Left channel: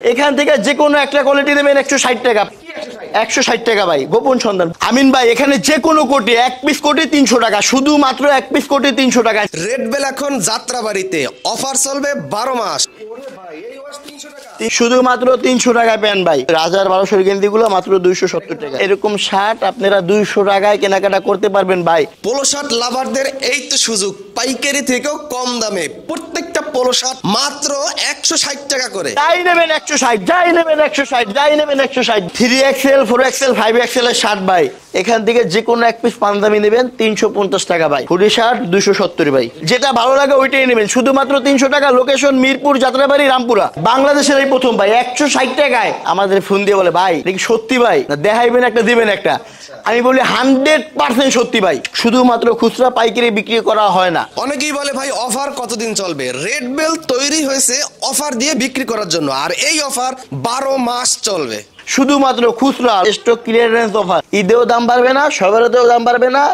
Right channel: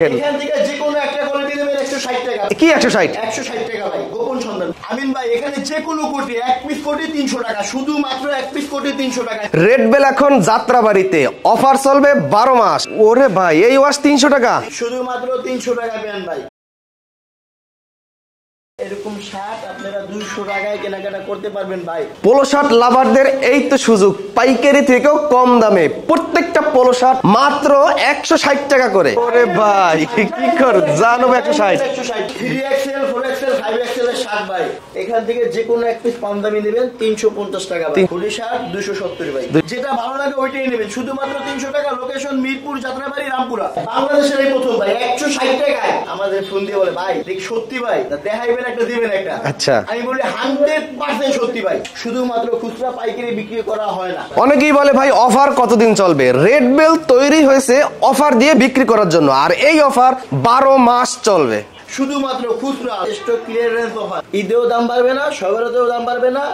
এখান থেকে যে কোনো একটা কোয়ালিটি নেবেন 160 টাকা। কি 160? 160 টাকা ভাই, গোপন সন্ধান। আমিন ভাই এখানে যে কোনো কোটি, এক পিস কোটি 300 টাকা, শুধুমাত্র এক পিস কোটি 300 টাকা। রেড বেল এখন যাত্রাবাড়িতে অফার চলবে 12 মাস। ওরে ভাই এই ওয়াশ 300 টাকা, শুধুমাত্র 300 টাকা পেন ভাই। রাজার 1200 গেঞ্জি গুলো মাত্র 270 টাকা। এরকম শার্ট আপনারা 200 টাকায় কেনাকাটা করতে পারবেন ভাই। পোলো শার্ট লাভারদের এই তো সুযোগ, পাইকারি থেকেও কম দামে প্রত্যেকটা পোলো শার্ট মাত্র 160 টাকা করে। 3XL 4XL 5XL এর শার্ট ভাই, এখান থেকে যে কোনো এক পিস পাঞ্জাবি নেবেন 350 টাকা ভাই। হুডি শার্ট 270 ভাই, যেটা ভালো লাগে ওইটাই নেবেন, শুধুমাত্র 300 টাকা। লোকেশন মিরপুর, যাত্রাবাড়ি, রামপুরা। বাংলাদেশের এই প্রথম ভাই 160 টাকায় আমাদের ফোন দিয়ে বলে ভাই দেখি সত্যি ভাই, না দেখাইবেন একটা দিবেন একটা। আচ্ছা আমি বলি 100% সত্যি ভাই। শুধুমাত্র খুচরা পাইকারি বিক্রি করা হয় না। অনেকেই বলে ভাই অফার কতদিন চলবে? রেড বেল তৈরি হয়েছে অফার দিয়ে বিক্রি করার জন্য, আর এই অফার 12 মাস চলবে। শুধুমাত্র খুচরা স্টক ক্লিয়ারেন্স অফার। ঈদেও দাম বাড়বে না, সবেরতেও দাম বাড়বে না।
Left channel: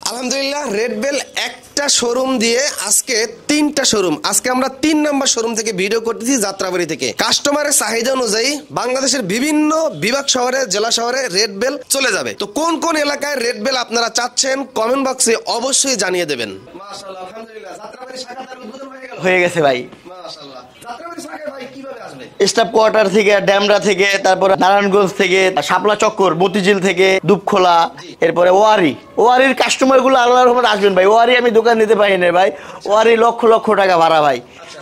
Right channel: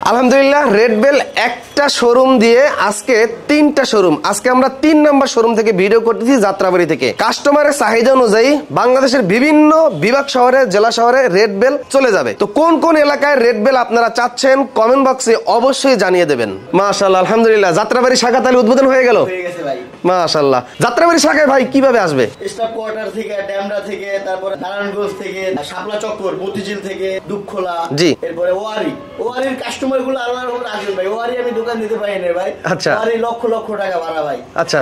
আলহামদুলিল্লাহ, রেড বেল একটা শোরুম দিয়ে আজকে 3টা শোরুম। আজকে আমরা 3 নম্বর শোরুম থেকে ভিডিও করতেছি, যাত্রাবাড়ি থেকে। কাস্টমারের চাহিদা অনুযায়ী বাংলাদেশের বিভিন্ন বিভাগ শহরে, জেলা শহরে রেড বেল চলে যাবে। তো কোন কোন এলাকায় রেড বেল আপনারা চাচ্ছেন কমেন্ট বক্সে অবশ্যই জানিয়ে দেবেন। মাশাআল্লাহ, আলহামদুলিল্লাহ, যাত্রাবাড়ি শাখা তাহলে উদ্বোধন হয়ে গেল। হয়ে গেছে ভাই, মাশাআল্লাহ। যাত্রাবাড়ি শাখায় ভাই কিভাবে আসবে? স্টাফ কোয়ার্টার থেকে, ড্যামরা থেকে, তারপরে নারায়ণগঞ্জ থেকে, শাপলা চক্কর, মতিঝিল থেকে, দুপখোলা, জি, এরপরে ওয়ারির কাস্টমার গুলো আল্লাহর রহমতে আসবেন ভাই। ওয়ারি আমি দোকান নিতে পারি না ভাই। ওয়ারি লক্ষ লক্ষ টাকা ভাড়া ভাই।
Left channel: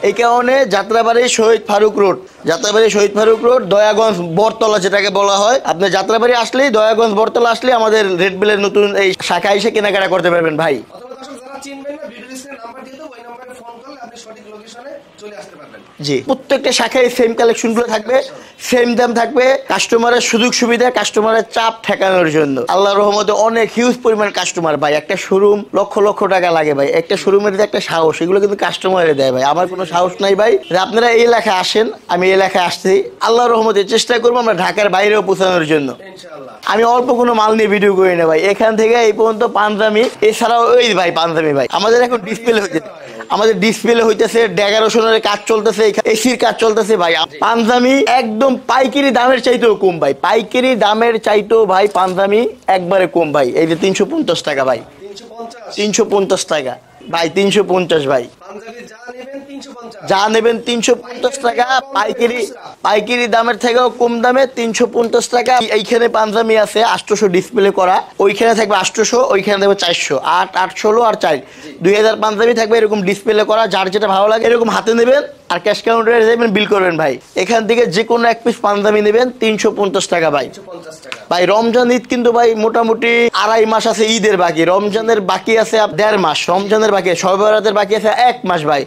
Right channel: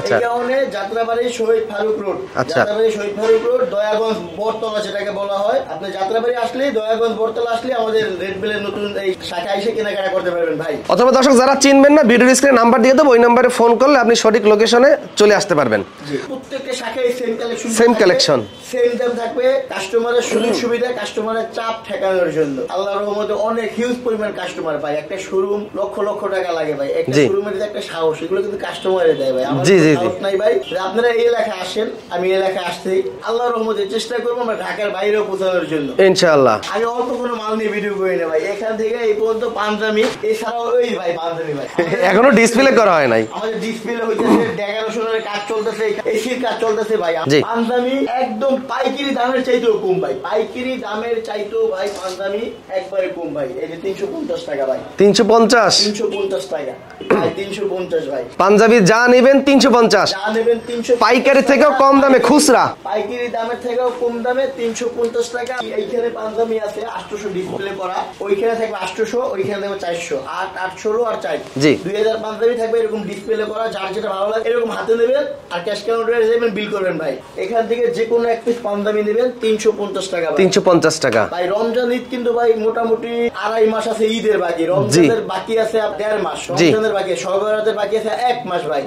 এই কারণে যাত্রাবাড়ি শহীদ ফারুক রোড, যাত্রাবাড়ি শহীদ ফারুক রোড, দয়াগঞ্জ বটতলা যেটাকে বলা হয়। আপনি যাত্রাবাড়ি আসলেই, দয়াগঞ্জ বটতলা আসলে আমাদের রেড বেলের নতুন এই শাখা এসে কেনাকাটা করতে পারবেন ভাই। অথবা দর্শক যারা চিনবেন না, ভিডিও স্ক্রিনে নাম্বার দিয়ে দেবো, ওই নাম্বারে ফোন করলে আপনি সঠিক লোকেশনে চলে আসতে পারবেন। জি, প্রত্যেকটা শাখায় সেম কালেকশন, সেম দাম থাকবে। কাস্টমারের সুযোগ সুবিধা, কাস্টমারের চাপ ঠেকানোর জন্য আল্লাহর রহমতে অনেক হিউজ পরিমাণ কাস্টমার ভাই। একটা শোরুম লক্ষ লক্ষ টাকা লাগে ভাই। একটা শোরুমের যে একটা সাহস, এগুলো কিন্তু কাস্টমারে দেয় ভাই। আমার কোনো সাহস নাই ভাই। আপনারা এই এলাকায় আসেন, আমি এই এলাকায় আসতেই আল্লাহর রহমতে চেষ্টা করবো আমরা ঢাকার বাইরেও পৌঁছানোর জন্য ইনশাআল্লাহ। আমি অল্প কোনো মাল নিয়ে ভিডিও করি না ভাই। এখান থেকে এই পর্যন্ত পাঞ্জাবি, এছাড়াও ওই ভাই পাঞ্জাবি ভাই আমাদের এখনো ডিসপ্লে করা হয় নাই। আমাদের ডিসপ্লে হইতেছে, 1100 কাজ চলতেছে, এসির কাজ চলতেছে ভাই। পাঞ্জাবি একদম পাইকারি দামের চাইতেও কম ভাই। পাইকারি দামের চাইতেও ভাই পাঞ্জাবি একবারে কম ভাই। এই যে 350 টাকা ভাই। 350 টাকা ভাই, 350 ভাই। পাঞ্জাবি যা নেবেন 350, যা নেবেন 300, পাইকারি থেকেও কম দামে খুচরা, পাইকারি দামের থেকেও কম দামে 350 টাকা। এইখানে পাঞ্জাবি আছে 800 ডিসপ্লে করা, ওইখানে থাকবে 800, ওইখানে থাকবে 400, 8, 816 আর 4, 2000 পাঞ্জাবি থাকবে এরকম ডিসপ্লে করা। যার যেটা ভালো লাগে এরকম হাতে নেবেন আর ক্যাশ কাউন্টারে যাবেন, বিল করবেন ভাই। এখান থেকে যে কোনো এক পিস পাঞ্জাবি নেবেন 350 টাকা ভাই। 350 টাকা ভাই। রমজান ঈদ কিন্তু ভাই মোটামুটি 2.5 মাস আছে ঈদের বাকি। রমজানের বাকি আছে 1.5 মাস, রমজানের বাকি, শবে বরাতের বাকি আছে 1 মাস ভাই।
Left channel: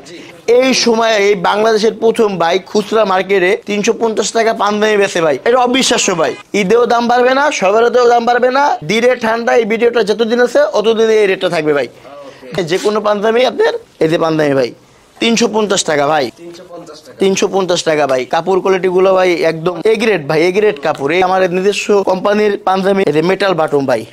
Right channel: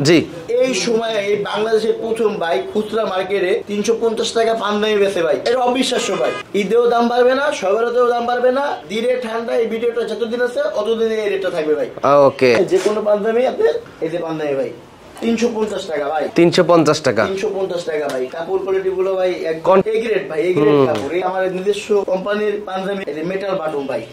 এই সময়ে এই বাংলাদেশের প্রথম ভাই খুচরা মার্কেটে 350 টাকা পাঞ্জাবি বেচে ভাই। এটা অবিশ্বাস্য ভাই। ঈদেও দাম বাড়বে না, শবে বরাতেও দাম বাড়বে না। দিনে ঠান্ডা এই ভিডিওটা যতদিন আছে অতদিন এই রেটটা থাকবে ভাই। ওকে, যে কোনো পাঞ্জাবি আপনার, এই যে পাঞ্জাবি ভাই 350 টাকা ভাই। 350 টাকা, 350 টাকা ভাই। কাপড় কোয়ালিটি গুলো ভাই একদম এ গ্রেড ভাই, এ গ্রেড কাপড়। এই আমার নিজস্ব কোম্পানির পাঞ্জাবি, এই যে মেটাল বাটন ভাই।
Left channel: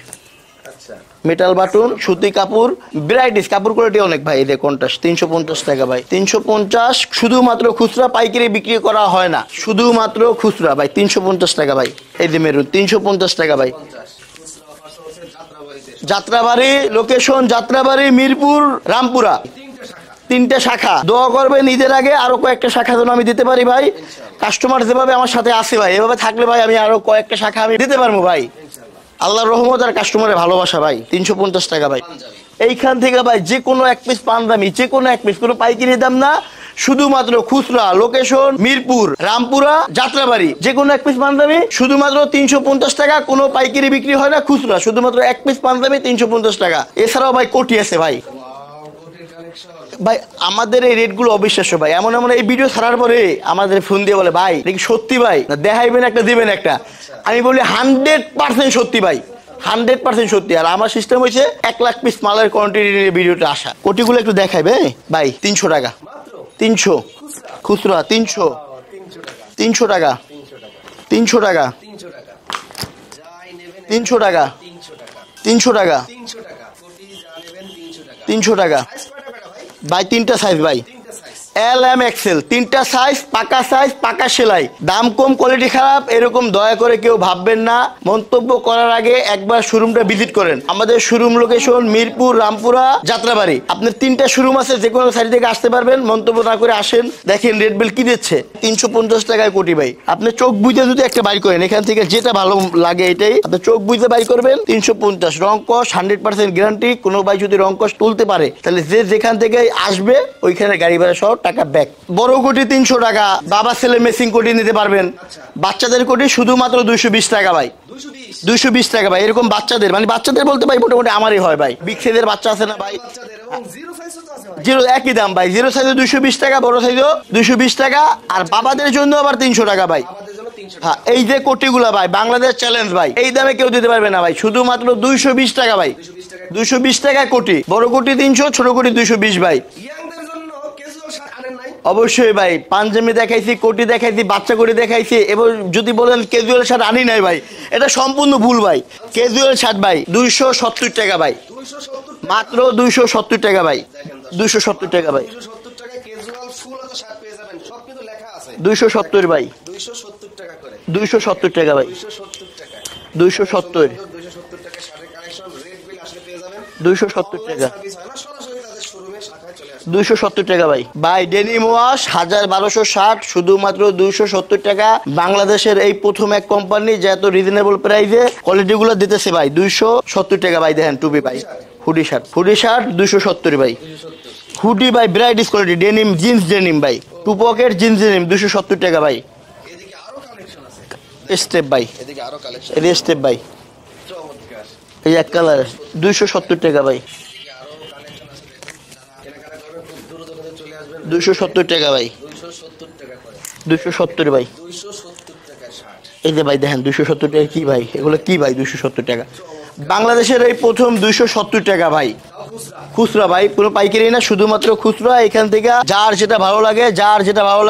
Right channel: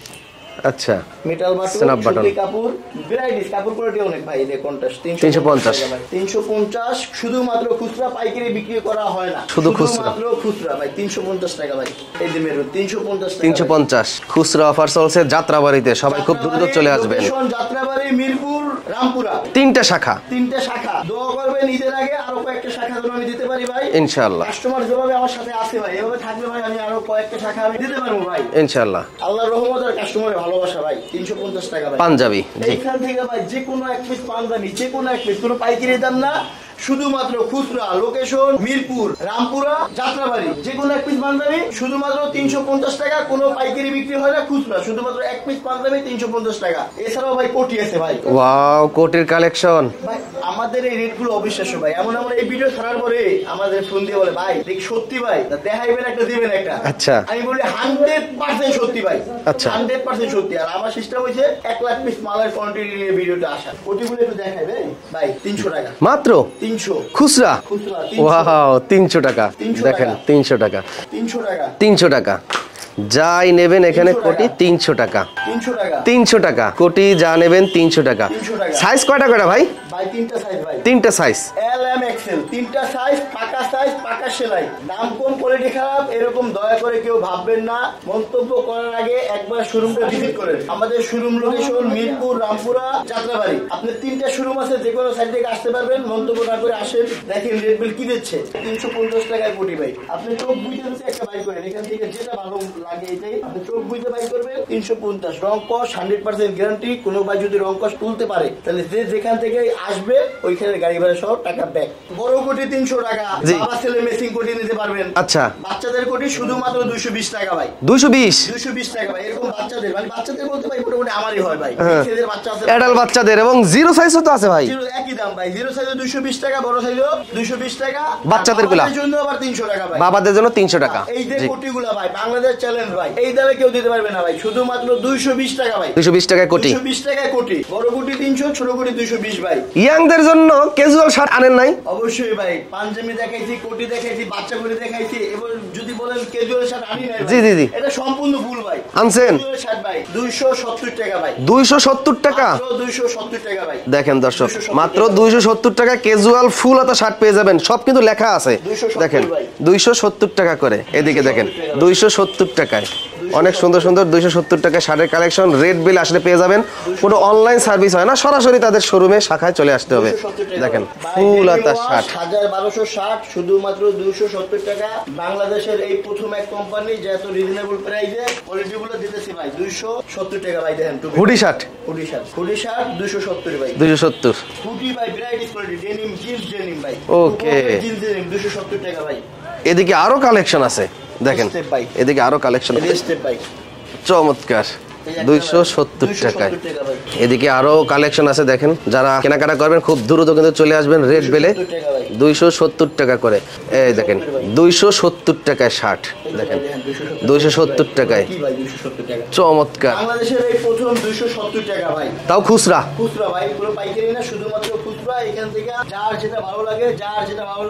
আচ্ছা, মেটাল বাটন, সুতি কাপড়, ভ্যারাইটিস কাপড় কোয়ালিটি অনেক ভাই। এই যে কন্ট্রাস্ট 350 টাকা ভাই। 350 শুধুমাত্র খুচরা, পাইকারি বিক্রি করা হয় না, শুধুমাত্র খুচরা ভাই। 350 টাকা ভাই। এই যে মেরুন 350 টাকা ভাই। 350 খুচরা অফার চলছে যাত্রাবাড়িতে। যাত্রাবাড়ি লোকেশন, যাত্রাবাড়ি, মিরপুর, রামপুরা, 3টা শাখা, 3টা শাখা। দোয়া করবেন ঈদের আগে আরো কয়েকটা শাখা যেন আমি দিতে পারি ভাই ইনশাআল্লাহ। কাস্টমার যেভাবে আমার সাথে আছে ভাই, এভাবে থাকলে ভাই আমি আরো কয়েকটা শাখা আমি দিতে পারবো ভাই ইনশাআল্লাহ। আল্লাহর রহমত আর কাস্টমারের ভালোবাসা ভাই। 350 টাকা ভাই পাঞ্জাবি। এইখান থেকে ভাই যে কোনো এক পিস পাঞ্জাবি, যে কোনো এক পিস, কোনো পাইকারি দাম না, শুধুমাত্র খুচরা। লোকেশন মিরপুর, রামপুরা, যাত্রাবাড়ি। যে কোনো এক পিস পাঞ্জাবি শুধুমাত্র 350 টাকা। কোনো পাইকারি বিক্রি হয় না, খুচরা শুধুমাত্র এক পিস পাঞ্জাবি 350 টাকা। এছাড়াও ভাই কোটি আছে ভাই। ওয়াও, কোটির কালেকশন ভাই। আমাদের এই রেট গুলো অবিশ্বাস্য ভাই। এমন এমন এই ভিডিও ছাড়ার পরে আমাদের ফোন দিয়ে বলে ভাই দেখি সত্যি ভাই, না দেখাইবেন একটা দিবেন একটা। আচ্ছা, আমি বলি 100% সত্যি ভাই, 100% সত্যি। আর আমার সিস্টেম হয়েছে 1 লাখ পিস মালের কোয়ান্টিটি ভিডিওটা আসা। কোটিগুলো একটু দেখাইবে ভাই। 300 টাকা মাত্র, 300 খুচরা, খুচরা 300। 300 টাকা, 300 টাকা, 300 টাকা, 300 টাকা, 300 টাকা। যাই নেবেন এখানে 300 টাকা। কোটি 300 টাকা 300 টাকা 300 টাকা কোটি যা নেবেন 300 টাকা 300 টাকা। সাইজ কয়টা করে ভাই ভাই তিনটা সাইজ ভাই, তিনটা সাইজ এল এম এক্সেল, তিনটা সাইজ, পাকা সেলাই, দাম কম কোয়ালিটি খারাপ এরকম দয়া করে কেউ ভাববেন না। মন্তব্য করার আগে একবার শোরুমটা ভিজিট করেন। আমাদের শোরুম লোকেশন মিরপুর, রামপুরা, যাত্রাবাড়ি। আপনার তিনটা শোরুম আছে, যে কোনো সাইড থেকে আসতে পারবেন। মন্তব্য না করে আসেন, দেখেন রেড বেল কি দিচ্ছে 350 টাকায় কোটি ভাই। আপনি চোখ বুঝে যদি একটা বাই করেন, এখান থেকে যেটা ভালো লাগে এটাই আপনি চোখ বুঝে বাই করবেন। 350 রং কস 100% গ্যারান্টি। কোনো ভাই যদি রং কস তুলতে পারে তাহলে যে যেখান থেকে আসবে ওইখানে গাড়ি ভাড়া সহ টাকা ব্যাক। বড় কোটি 300 টাকা, বাবা ছেলে মেসিং কোটি নিতে পারবেন। আচ্ছা। বাচ্চাদের কোটি শুধুমাত্র 220 টাকা ভাই। 220 টাকা ভাই। এরকম বাচ্চাদের, মানে বাচ্চাদের বলতে ভাই মোটামুটি আমারই হয় ভাই, বিগ সাইজের বাচ্চা আছে, অ্যাডাল্ট বাচ্চাদের এবং জিরো সাইজও তো আছে ভাই। জিরো একই দাম ভাই, জিরো সাইজে 220 টাকা, বড় সাইজও 220 টাকা। বাচ্চাদের জন্য আবার 300 টাকা ভাই, বাবাদের জন্য 300 টাকা। এই যে কোটিগুলা ভাই বাংলাদেশ চ্যালেঞ্জ ভাই, এই দামে কেউ দিতে পারবে না ভাই, শুধুমাত্র 220 টাকা ভাই। 220 টাকায় কোটি। 220 টাকায় কোটি, বড় কোটি 300, ছোট কোটি 220 ভাই। ইয়াংদের জন্য ক্যাজুয়াল শার্ট আনেন নাই? অবশ্যই ভাই, পাঞ্জাবি দেখাইছি, কোটি দেখাইছি, বাচ্চা কোটি দেখাইছি। এবং যদি বলেন ক্যাজুয়াল শার্ট আনি নাই ভাই, এটা সম্পূর্ণ ভুল ভাই। ক্যাজুয়াল শার্ট ভাই 270 টাকা ভাই। 270 টাকা, মাত্র 270 টাকা ভাই। দেখেন দর্শক, মাত্র 270 টাকা ক্যাজুয়াল ফুল হাতা শার্ট পেয়ে যাবেন। সব কিন্তু লেখা আছে 270 ভাই, 270 টাকা করে। এদিকে দেখেন 270 টাকায় অনেক সুন্দর সুন্দর 270 টাকা শার্টের কালেকশন। রেড বিল আসলে পেয়ে যাবেন। কোনো অনলাইন সার্ভিস হয় না, সরাসরি তাদের শোরুমে শাখায় চলে আসতে হবে। 270 টাকা ভাই। বাই ডেনিম ওয়াশ 1260 শুধুমাত্র 270 টাকা। বাংলাদেশের এই প্রথম এক কোম্পানি যে এত রিজনেবল প্রাইসে কোয়ালিটি গুলো দিতেছে ভাই। 270 টাকা ভাই। দেখেন টুপি, হুডি শার্ট 270 ভাই। 270 হুডি ভাই ব্রাইটিশ কোয়ালিটি, ডেনিম, জিন্স ডেনিম ভাই, টু পকেট জিন্স ডেনিম 270 টাকা ভাই। এদিকে আরো কালেকশন আছে দেখেন, স্টেপ ভাই, এদিকে আরো কালেকশন স্টেপ ভাই, চমৎকার। এই এক কালার 270 টাকা ভাই। এদিকে আরো কালেকশন আছে দেখেন, যারা কেনাকাটা করবেন খুব দ্রুত কিন্তু চলে আসবেন রেড বেলে। 270 টাকা ভাই, 270 টাকা করে। 270 ভাই, 270 টাকায় শার্ট। এই যে ভাই দেখেন 270 টাকা কি ভাই, 270 টাকা। চমৎকার। বাংলাদেশের এই প্রথম 270 টাকা ভাই, তাও খুচরা। খুচরা ভাই, পুরো পাইকারি না, শুধুমাত্র খুচরা। এখান থেকে যার যেটা ভালো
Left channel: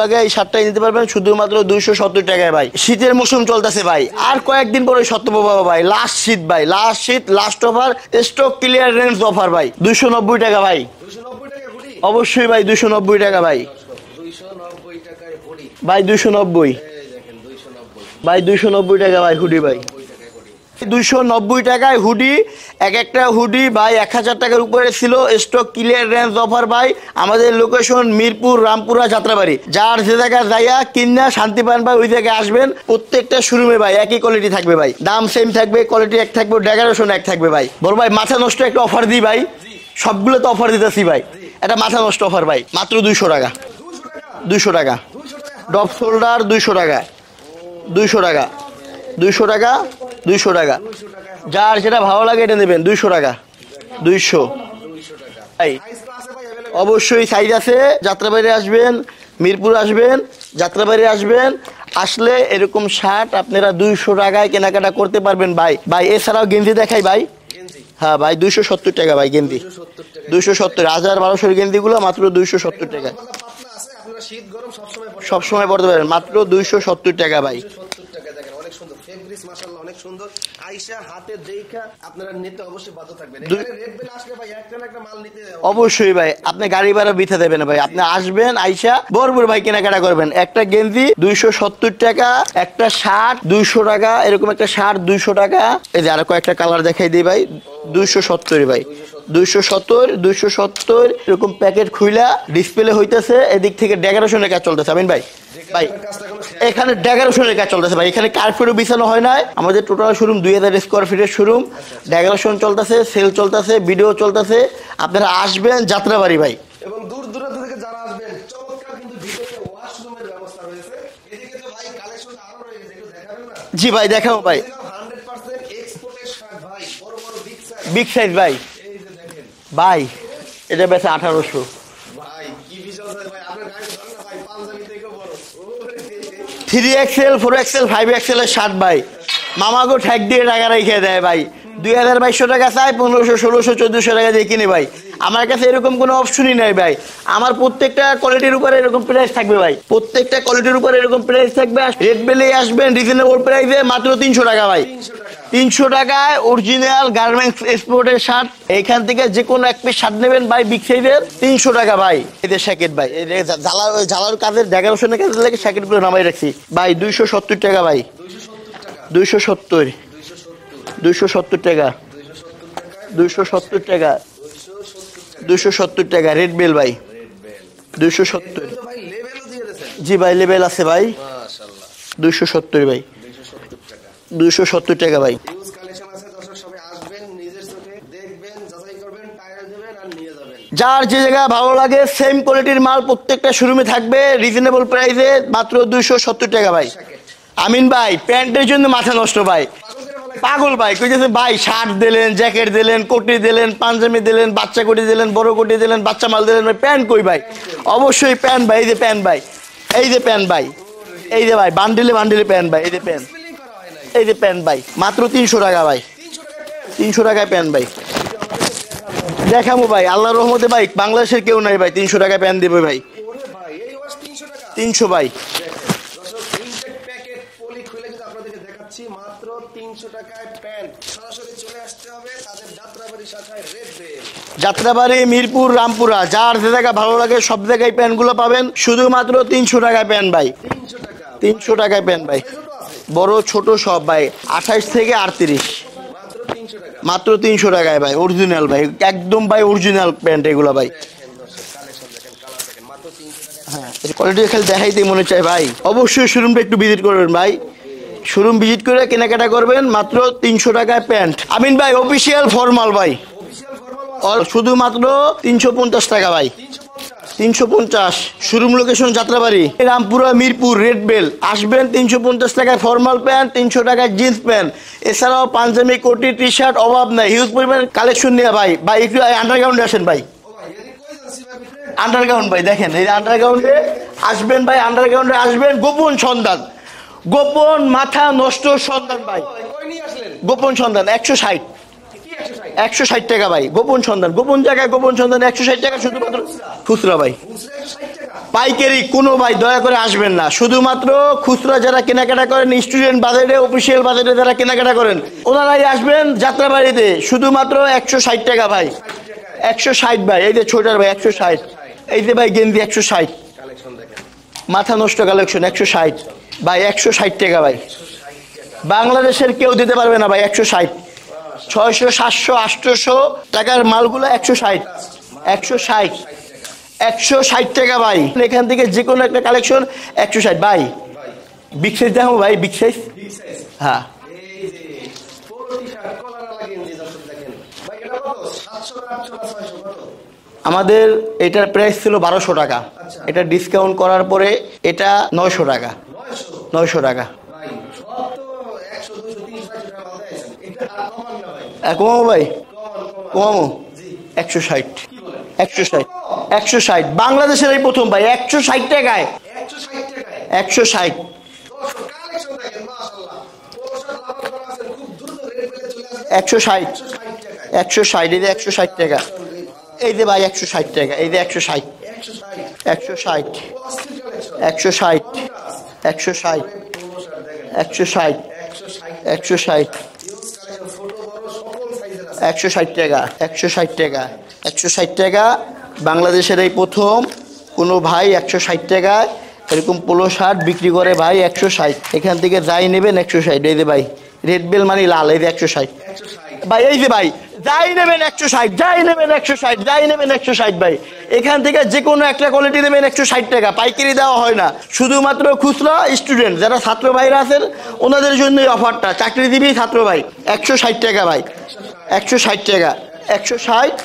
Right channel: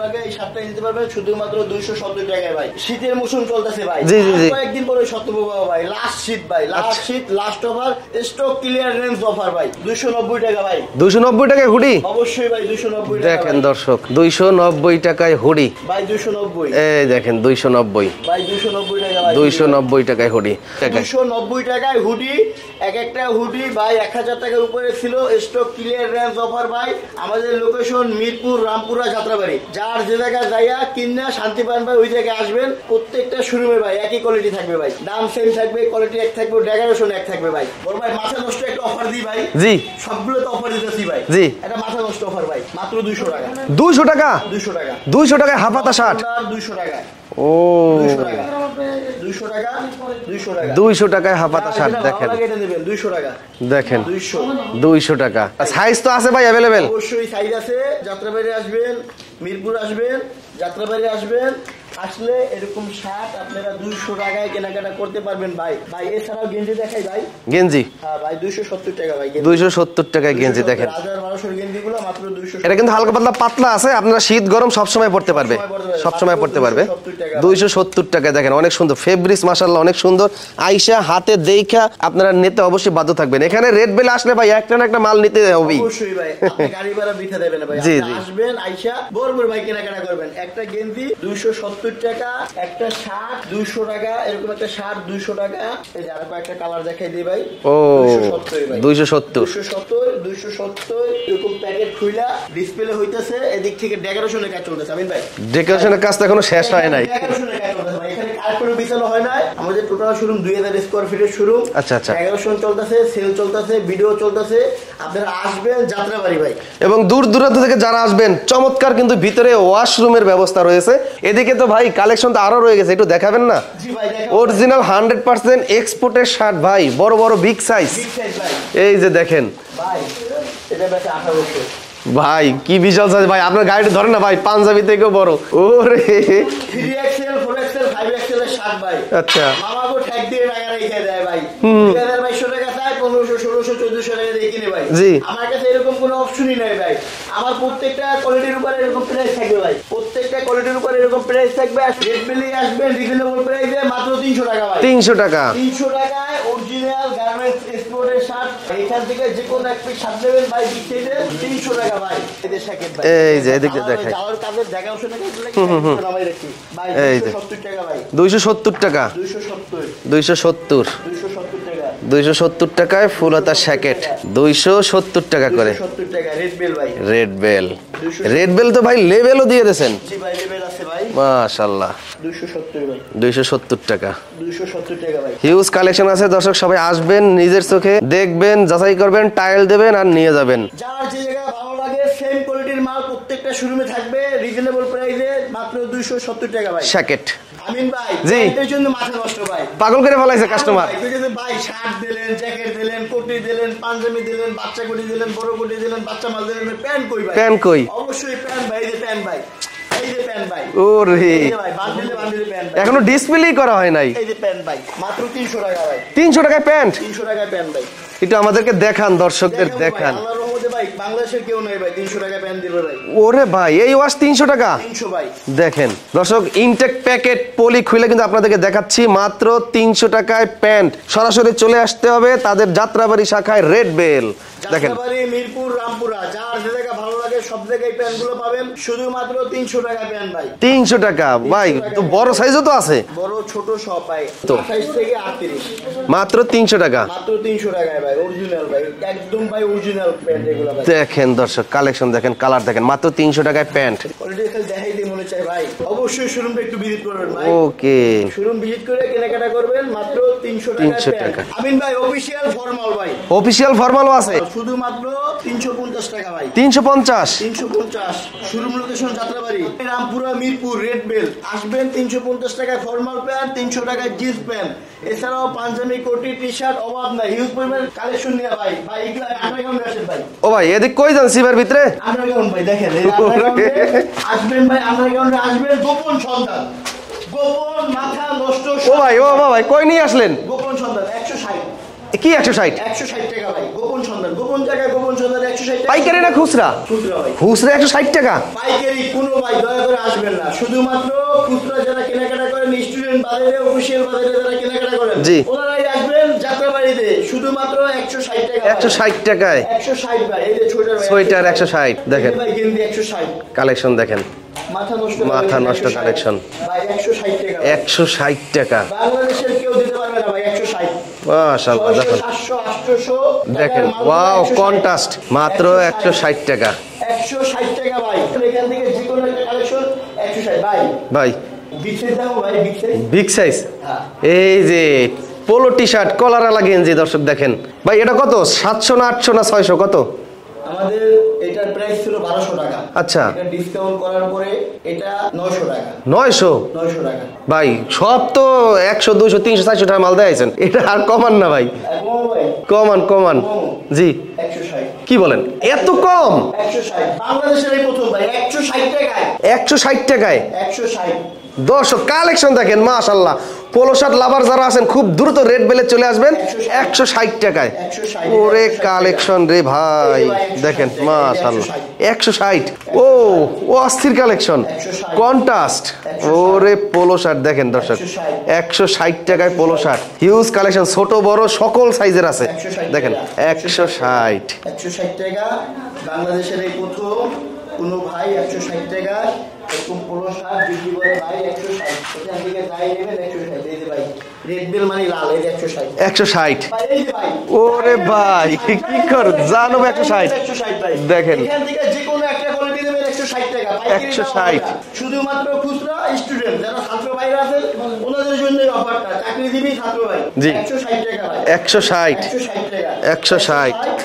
লাগে, এই শার্টটাই নিতে পারবেন শুধুমাত্র 270 টাকায় ভাই। শীতের মৌসুম চলতেছে ভাই, আর কয়েকদিন পরে সত্যব ভাই, লাস্ট শীত ভাই, লাস্ট শীত, last offer, stock clearance offer ভাই। 290 টাকা ভাই। 290 টাকায় হুডি? অবশ্যই ভাই 290 টাকা ভাই। দর্শক 290 টাকায় হুডি ভাই, 290। এই দেখেন 290 ভাই, 290 টাকা ভাই। 290 টাকায় হুডি, 290 টাকায় হুডি। এক একটা হুডি ভাই 1000 টাকার উপরে ছিল। স্টক ক্লিয়ারেন্স অফার ভাই। আমাদের লোকেশন মিরপুর, রামপুরা, যাত্রাবাড়ি। যার যে জায়গায় যাইয়া কিনা শান্তি পান ভাই, ওই জায়গায় আসবেন। প্রত্যেকটা শোরুমে ভাই একই কোয়ালিটি থাকবে ভাই, দাম সেম থাকবে, কোয়ালিটি এক থাকবে, ডেকোরেশন এক থাকবে ভাই। বল ভাই মাথা নষ্ট একটা অফার দিই ভাই। জি, সবগুলো তো অফার দিতেছি ভাই। জি, এটা মাথা নষ্ট অফার ভাই, মাত্র 200 টাকা। 200 টাকা, 200 টাকা, 200 টাকায় হাফ হাতা শার্ট। 200 টাকা। ও 200 টাকা, 200 টাকা, 200 টাকা, 200 টাকায় হাফ হাতা যার শার্ট। যেটা ভালো লাগে এটা নেবেন। 200 টাকা দেখেন, 200 টাকা। সাইজ তো আছে ভাই अवेलेबल? অবশ্যই সাইজ আছে। যাত্রাবাড়ি আসবেন, মিরপুর আসবেন, যাত্রাবাড়ি আসবেন, আসলে এরকম শার্ট আপনারা 200 টাকায় কেনাকাটা করতে পারবেন ভাই। ভাই এছাড়াও গেঞ্জি দেখাই ভাই। গেঞ্জি? হ্যাঁ ভাই, 270 টাকা ভাই গেঞ্জি। 270 টাকায় গেঞ্জি দেখেন। 1200 গেঞ্জি গুলো মাত্র 270। এটা কিন্তু হালকা পাতলা পাতলা আছে, আপনারা শীত গরম সব সময় পড়তে পারবেন। সব সময় পড়তে পারবেন, মাত্র 270 টাকা ভাই। 270 টাকায় দেখেন, অনেক সুন্দর ফেব্রিক্স, মাশাআল্লাহ অনেক সুন্দর। আয়েশা হাতে দেখা আপনারা নিতে অবশ্যই বাধ্য থাকবেন। এখানে রেড বেল আসলে ভাই একটা না একটা মাল নিতে হবে। অবশ্যই ভাই, আপনি গাড়ি ভাড়া বিথা দেবেন না ভাই। আপনি আসবেন, আয়েশা বরবর ভাই কেনাকাটা করবেন। একটা গেঞ্জি 270 টাকা, একটা শার্ট 200 টাকা, এরকম একটা শার্ট 200 টাকা। এই যে আরো কয়েকটা কালার দেখাই দিই ভাই। 270 ভাই, 270 এরকম প্যাকেট খুইলা ডিসপ্লে হইতাছে। এদিক থেকে ডেকোরেশনের কাজ চলতেছে। আমিন ভাই, ডেকোরেশনের কাজ তো এখনো শেষ হয় নাই। এখানে ডেকোরেশনের কাজ চলতেছে ভাই। এখানে কার্পেটও বিছানো হয় নাই। আমাদের টোটাল শোরুম 2000 স্কয়ার ফিটের শোরুম। আচ্ছা আচ্ছা, ডেকোরেশন চলতেছে, সেল চলতেছে, ভিডিও চলতেছে। আপনারা আসবেন যাত্রাবাড়ি ভাই। এবং দূর দূরান্ত থেকে যারা আসবেন, চমৎকার কিন্তু ভিতরে ওয়াশরুমের ব্যবস্থা রয়েছে। এদিকে তো ভাই কালেকশন তো আরো রয়ে গেছে, একটু দেখাবেন না? জি ভাই, দেখাবো। অরিজিনাল 100% এক্সপোর্টের শার্ট ভাই, বড় বড় বিগ সাইজ ভাই। এই যে দেখেন ভাই, এটা বেচে 1800। ভাই কি বিশাল সাইজ ভাই, আপনার গাড়িটা ধরেন না ভাই, পাঞ্জাবি থেকেও বড়। ওরে 3XL 4XL 5XL এর শার্ট ভাই। আচ্ছা মামাগো ঠ্যাক দিয়ে টাকা রেখে দেয় ভাই। 2200 টাকা চাই, 1500 1600 1400 টাকা দিয়ে কিনে ভাই। আমার কাছে এরকম কোনো অপশনই নাই ভাই। আমার প্রত্যেকটা কোয়ালিটির উপরে এরকম প্রাইস থাকবে ভাই, প্রত্যেকটা কোয়ালিটির উপরে এরকম প্রাইস থাকবে। রেড বেলে আসবেন রিজনেবল প্রাইসে মাত্র 300 টাকা ভাই। 300 টাকা, 300 টাকায় অরিজিনাল গার্মেন্টস এক্সপোর্টের শার্ট। এইখান থেকে যে কোনো এক পিস শার্ট নেবেন ভাই বিগ সাইজের 300 টাকা ভাই। এদের শ্যাকেট ভাই, ঝালার কাজের দেখাশোনার কাজে লাগে শ্যাকেট গুলো নামাই রাখছি ভাই। 270 টাকা ভাই। 270 টাকা, 270 270 270 টাকা, 270 টাকায় ফুল হাতা শ্যাকেট 270 টাকা করে। 270 টাকা রেড বেল ভাই। রেড বেল, 270 রেড বেল তো ভাই লেভেলও দিয়ে দিয়েছেন। জি ভাই লেভেল আছে ভাই, মাশাআল্লাহ। 270 ভাই, 270 টাকা, 270 টাকা ভাই। হিউজ কালেকশন আছে দর্শক, সবাই আসবেন, নিজের চোখে দেখবেন, যাচাই করবেন, টাইল দেবেন আর নিয়ে যাবেন। যার যে জায়গা ভালো লাগে সেম কোয়ালিটির মাল প্রত্যেকটা শোরুমে থাকবে রিজনেবল প্রাইসে মাত্র 270 টাকা ভাই। শ্যাকেট আমিন ভাই প্যান্টের জন্য মাথা নষ্ট ভাই, পাগল করে ফেলাইছে পাগল ভাই। কইতেছে ভাই শার্ট দিলেন, জ্যাকেট দিলেন, কোটি দিলেন, পাঞ্জাবি দিলেন, বাচ্চা কোটি দিলেন, বড় কোটি দিলেন, বাচ্চা মাল দিলেন, প্যান্ট কই ভাই? প্যান্ট কই? অবশ্যই প্যান্ট ভাই, এই যে প্যান্ট ভাই, এই যে প্যান্ট ভাই, ওরে এই যে ভাই বান্ডিলে বান্ডিলে প্যান্ট ভাই, এখনো ডিসপ্লেই করা হয় নাই। এই যে প্যান্ট ভাই মাত্র 300 টাকা ভাই। 300 টাকায় প্যান্ট, 300 টাকায় প্যান্ট ভাই। এটা আমাদেরকে দেখান দর্শক, দেখাবো ভাই, আল্লাহর রহমতে ভাই বাংলাদেশের কেউ নাই ভাই 300 টাকায় প্যান্ট দিবে ভাই। ওরে ভাই এই ওয়াশ 300 টাকা, 300 ভাই। দেখেন দর্শক ইনটেক প্যাকেট পলি খুলে কিন্তু আপনাদেরকে দেখাচ্ছি মাত্র 300 টাকায় প্যান্ট। সরাসরি চলে আসতে হবে তাদের যাত্রাবাড়ি শাখায় রেড বেল। যাত্রাবাড়ি, মিরপুর, রামপুরা, যার যে জায়গা ভালো লাগে সব জায়গায় প্যান্ট গুলো পাবেন শুধুমাত্র 300 টাকায় প্যান্ট ভাই। 300 টাকা ভাই, বড় সাইজও তো আছে, বড় ছোট সব ভাই, 28 থেকে 38 মাত্র 300 টাকা, মাত্র 300 টাকায় ভাই। অরিজিনাল ভাই, একদম ভাই অরিজিনাল প্যান্ট এগুলো ভাই। দেখেন দর্শক কালেকশন দেখেন, কালার দেখেন, মাত্র 300 টাকায় প্যান্ট। কোয়ালিটি খালি দেখাইতে মনে চাই ভাই। অবশ্যই শোরুমটা একটু ভিজিট করবেন ভাই। ওকে, শোরুম ভিজিট করে কেনাকাটা করবেন মাত্র 300 টাকায় প্যান্ট। আমিন ভাই অফিশিয়াল ফর্মাল ভাই, অফিশিয়াল ফর্মালও আছে শুধুমাত্র 350 টাকা ভাই। 350, 350। Showroom location Jatrabari, Rampura, Mirpur, red bell. আসবেন 350 টাকায় ফর্মাল প্যান্ট, 300 টাকায় জিন্স প্যান্ট, এছাড়াও পাঞ্জাবি, কোটি, টি শার্ট অভাব নাই। হিউজ পরিমাণ কালেকশন নিয়ে ভাই। ভাই একটু আন্ডারগ্রাউন্ডে আসেন ভাই। ও ভাই এদিক কই যান সিবার ভিতরে? আন্ডারগ্রাউন্ড ভাই দেখেন, এই আন্ডারগ্রাউন্ডে আসবেন ভাই, আন্ডারগ্রাউন্ডে আসবেন। গোপন সন্ধান, গোপন মাথা নষ্ট ভাই। ও ভাই কই নিয়ে আসলেন? গোপন সন্ধান 160। কি 160? 160 টাকা ভাই। গোপন সন্ধান, গোপন জায়গায় গোপন সন্ধান 160 টাকা। পাইকারি না খুচরা? খুচরা ভাই। খুচরা 160 টাকা। পাইকারি কোনো ভাই দয়া করে আসবেন না। শুধুমাত্র খুচরা যারা কেনাকাটা করেন, স্টুডেন্ট বাজারে, অফিসিয়াল বাজারে যারা কেনাকাটা করেন ওনারাই আসবেন যাত্রাবাড়িতে। শুধুমাত্র 160 টাকা ভাই। 160 টাকায় 160 ভাই। এই যে ছোটার ভাই 160। এই যে ভাই গেঞ্জি 160। কালেকশন দেখেন, মাথা নষ্ট কালেকশন 160 ভাই। 160 টাকা ভাই। 160 টাকা। বাংলাদেশের কেউ দিতে পারবে না ভাই 160। 600 700 800 টাকার মালগুলো 160, মাত্র 160 টাকা। 160 টাকা ভাই। এখান থেকে যে কোনো একটা কালেকশন 160 ভাই। ভাই বিগ সাইজ দাও ভাই, বিগ সাইজ। বিগ সাইজ, হ্যাঁ। এই যে পোলো টি শার্ট কলারওয়ালা গেঞ্জি দর্শক দেখেন ভাই, এটা কত? 700 না 800 না 600 কত? আমাদের এটার প্রাইস ছিল 1200 টাকা। আচ্ছা, এটা ডিসকাউন্ট করার পরে এটা 900 টাকা। 900 টাকা ভাই। সব তো 100 200 300 400 টাকা মাল দেয়াইছেন, এটা আর কমান না ভাই? কম ভাই, কমান। জি 160। কি বলেন, এত কম? 160 বাংলাদেশের এই প্রথম ভাই। 160 টাকায়, 160 টাকায় 160। দর্শক কালেকশন দেখেন মাশাআল্লাহ। পোলো শার্ট লাভার যারা আছেন খুব দ্রুত রেড বেলে চলে আসবেন 160 টাকায়। 160 ওরে কালেকশন রে ভাই। এই যে ভাই 160 দেখেন টাকা, 160 ও অস্থির কালেকশন। 160 কন্ট্রাস্ট। ওরে পোলো শার্ট দেখেন দর্শক, 160 টাকায় পোলো শার্ট। হিউজ কালেকশন, ছোট বড় সকল সাইজের আছে। 160 টাকা, 160 টাকা। বাংলাদেশের এই প্রথম কোন ভাই 160 টাকা এরকম পোলো শার্ট বিক্রি করে ভাই। 160 এখান থেকে যাই নেবেন 160। এই যে ভাই রেড বেল মানে লাল, এই যে 160 ভাই। এই যে ভাই যাই নেবেন 160, যাই নেবেন 160 ভাই। এখান থেকে যে কোনো একটা কোয়ালিটি নেবেন 160 টাকা। পাইকারি দেওয়া হয় না, শুধুমাত্র খুচরা স্টুডেন্ট যারা ছাত্র ভাইরা আছেন ওনাদের জন্য এই অফারটা। চাকরিজীবী ছাত্র ভাই 160 টাকা ভাই। 160 টাকা। 160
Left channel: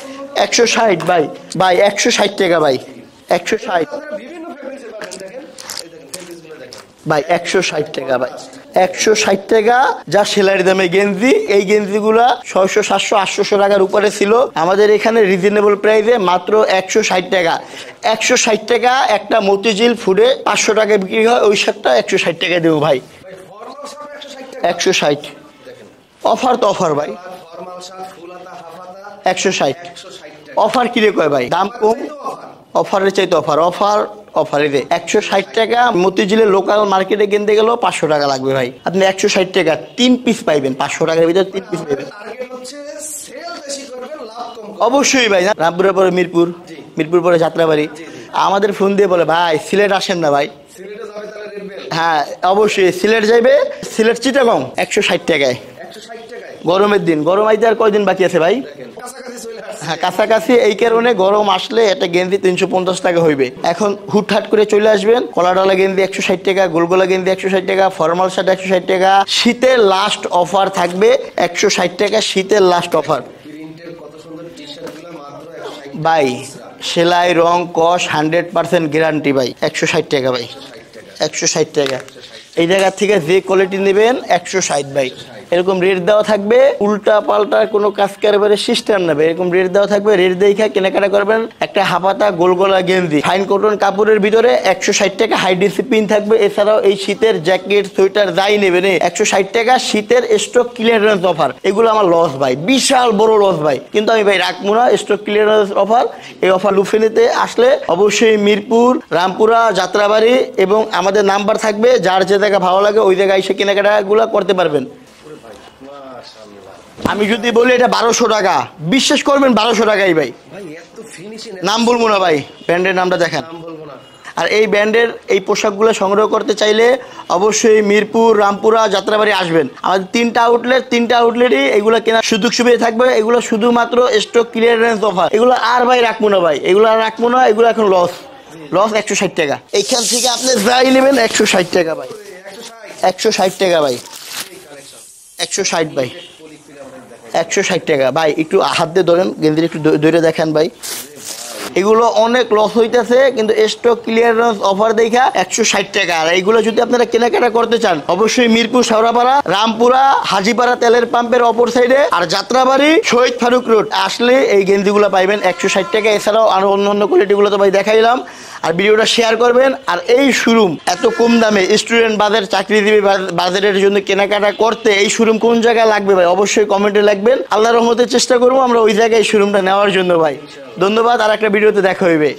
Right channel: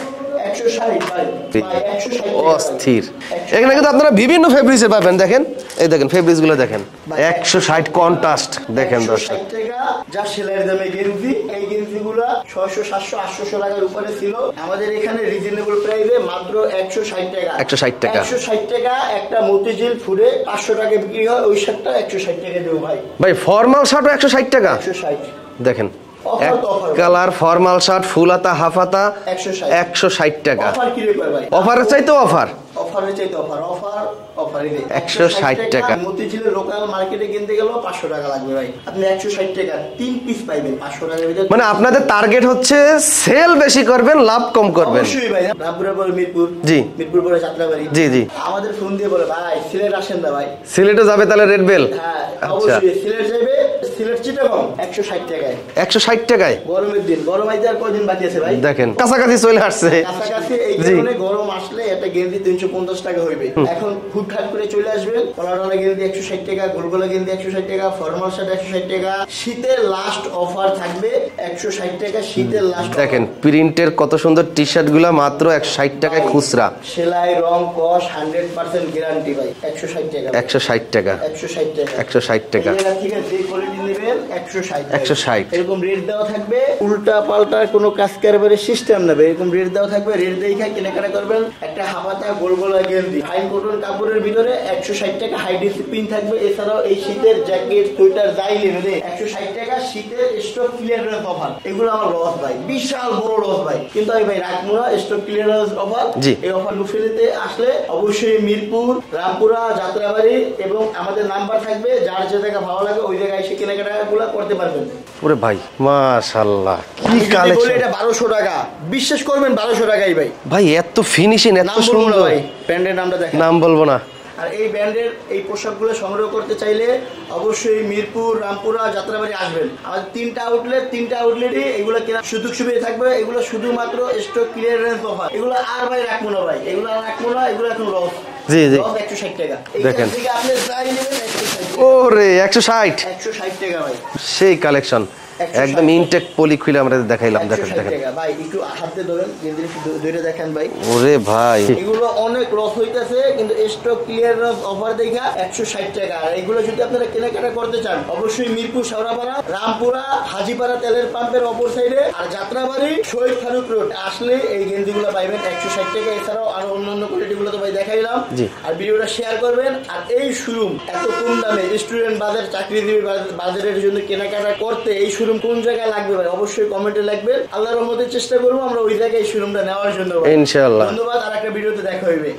160 ভাই, ভাই 160 টাকা ভাই। অস্থির। 160 এখানে কিন্তু আপনারা বিভিন্ন ফেব্রিক্সে পাবেন, দেখেন এই দেখেন ফেব্রিক্স গুলো দেখেন ভাই 160 কন্ট্রাস্ট দেখেন 160 টাকা যা সেলারি দামে গেঞ্জি। এই গেঞ্জিগুলা 600 700 800 টাকার উপরে ছিল, আমাদের এখানে রিজনেবল প্রাইসে মাত্র 160 টাকা। 160 টাকা। 160 টাকা একটা মতিঝিল ফুডে 500 টাকা বিক্রি হয়, ওই শার্টটা 160 টাকা দেবো ভাই। ভাই ফর্মাল শার্টও 160 টাকা 160 দেখেন, অফার তো অফার ভাই। কালার ফর্মাল শার্ট ফুল হাতা হাফ হাতা 160 160 টাকা। অফার কি রে কয় ভাই? অফারের চাইতে অফার, অফারের চাইতে অফার, অফার অফারে দে 160 160 টাকা। টাকা। মতিঝিলের লোকাল মার্কেটে কিনতে গেলেও 500 টাকা লাগবে ভাই, আপনি 160 টাকা 3 পিস পাইবেন 500 টাকার ভিতরে। মানে আপনাদের টার্গেট হচ্ছে সেল বেশি করবেন, লাভ কম করবেন। অবশ্যই ভাই, রামপুরের পরে মিরপুর, জি। মিরপুর পরে যাত্রাবাড়ি, জি, জি। আমাদের ফোন দিয়ে বলে ভাই সিলেট আসেন না ভাই। সিলেটে যাবে তাহলে রেড বেল, হ্যাঁ অবশ্যই সিলেট যাবে, সিলেট চিটাগং 160 টাকায় 160 টাকায়। গরমের দিন, গরম আইতে আর কয়দিন বাকি আছে ভাই? দেখেন কাছাকাছি চলে আসছে। কাছাকাছি, এই কারণে গরম আসলে একটা গেঞ্জি 350 টাকা হইবে। এখন হুটহাট করে চলে আসবেন, কলাডালা গেঞ্জি 160 টাকা, গোলগোলা গেঞ্জি 160 টাকা, ফর্মাল শার্ট 160 টাকা। শীতের লাস্ট অফার থাকবে 160 টাকা, শীতের লাস্ট অফার। দেখেন প্রিন্টের কত সুন্দর টি শার্ট গুলা মাত্র 160 টাকা ভাই খুচরা। সেলাই রং কস 100% গ্যারান্টি ভাই। 160 টাকা ভাই, 160 টাকা 160 টাকা 160 এই টাকা। জায়গা থেকে যে কোয়ালিটি নেবেন 160 ভাই। 160 এরকম রেট দেওয়া থাকবে, উল্টা পাল্টা কোনো কাজ কারবারের সিস্টেম নেবে, এরকম রেট দেওয়া থাকবে। রেট দেখে কেনাকাটা করবেন। একটা হাফাতা গোলগোলা গেঞ্জি ফাইন কটন কাপড়ের ভিতরে 160 টাকা, হাই ডিসিপ্লিন থাকবে। এছাড়াও এই শীতের জ্যাকেট সোয়েটার যাই নেবেন 160 টাকা। শীতের স্টক ক্লিয়ারেন্স অফার, এগুলো আমার লস ভাই, বিশাল বড় লস ভাই, কিন্তু আমি ভাই রাখবো না। স্টক ক্লিয়ারেন্স অফার, জি। এই অফার লুফেনিতে আসলে অবশ্যই মিরপুর, রামপুরা, যাত্রাবাড়ি এবং আমাদের নাম্বার থাকবে, যার যে জায়গা ভালো লাগে ওই জায়গায় এসে কেনাকাটা গুলো করতে পারবেন। ওরে ভাই মাশাআল্লাহ, আমি যদি বলি এটা 1200 টাকা, বিশ্বাস করবেন 1200 টাকাই ভাই। ভাই এত ফিনিশিং, এত নাম বলবো না সুন্দর। ভাই, ব্র্যান্ডের নামটা দেখেন। নাম বলবো না। আর এই ব্র্যান্ডের এই পোশাকগুলো সংগ্রহ করতে চাইলে অবশ্যই মিরপুর, রামপুরা, যাত্রাবাড়ি আসবেন। আমাদের 3টা আউটলেট, 3টা আউটলেটে এগুলো কেনার সুযোগ সুবিধা থাকবে। এগুলো শুধুমাত্র স্টক ক্লিয়ারেন্স অফার, এগুলো আর ভাই রাখবো না ভাই, এগুলো আর রাখবো না, এগুলো এখন লস। জি, জি। লস 160 টাকা। এইখান দেখেন। থেকে আপনি যাই নেবেন 160 টাকা, ওরে 160 160 টাকা ভাই। সেই কালেকশন 160 একদম ভাই। ইনটেক পলি খুলে আমরা দেখাইলাম। 160 টাকা ভাই, একটু হাত দিয়ে ধরেন, গেন্দির একটু দূরে দেখেন ভাই। ওরে ভাই এগুলো অনেক লস হইতেছে, কিন্তু স্টক ক্লিয়ারেন্স অফার দেখা 160 টাকা। আর এগুলো যদি আপনারা কেনাকাটা করতে চান অবশ্যই মিরপুর, শাওরাপাড়া, রামপুরা, হাজিপাড়া তেলের পাম্পের অপর সাইডে, আর যাত্রাবাড়ি, শহীদ ফারুক রোড আসলে এই গেঞ্জিগুলো পাইবেন 160 টাকা। এছাড়াও আরো অন্যান্য কোয়ালিটিগুলো তো ভাই দেখাইলাম। আর ভিডিওটা শেয়ার করবেন। আর এই শোরুম এত কম দামে স্টুডেন্ট বাজার, চাকরিজীবী বাজারের জন্য কেনাকাটা করতে এই শোরুম কোন জায়গায় লাগবে ভাই অবশ্যই কমেন্টে লিখবেন। আল্লাহর রহমতে চেষ্টা করবো আমরা ওই জায়গায় শোরুমটা নেওয়ার জন্য ভাই। ইনশাআল্লাহ। ধন্যবাদ, আর একটা ভিডিওতে দেখা হইবে।